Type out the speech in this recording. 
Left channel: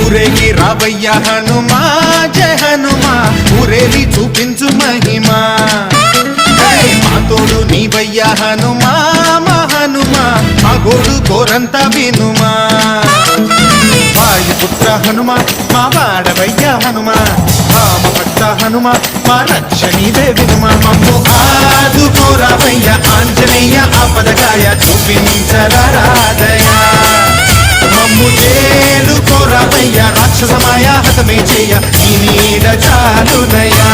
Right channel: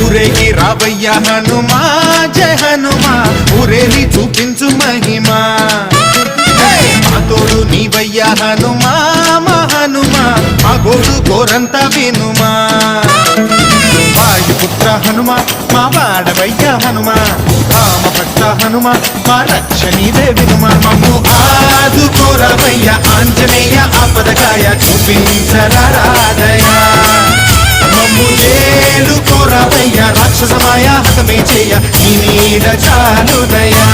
ఊరేగి రావయ్య హనుమా జయ హనుమా ఊరేలి చూపించు మహిమా మా తోడు నీవయ్య హనుమా మా హనుమా మా గోడు గోరంత వినుమా వాయుపుత్ర హనుమా మా వాడవయ్య హనుమా రామ భక్త హనుమా మా రక్షణీదే వినుమా మమ్ము ఆదుకోరావయ్య ఆంజనేయ ఆపదకాయ చూపించరాదయా మమ్ము ఏలు కోరావయ్య రాక్షసమాయ హతమే చేయ నీ నీడ చాలునయా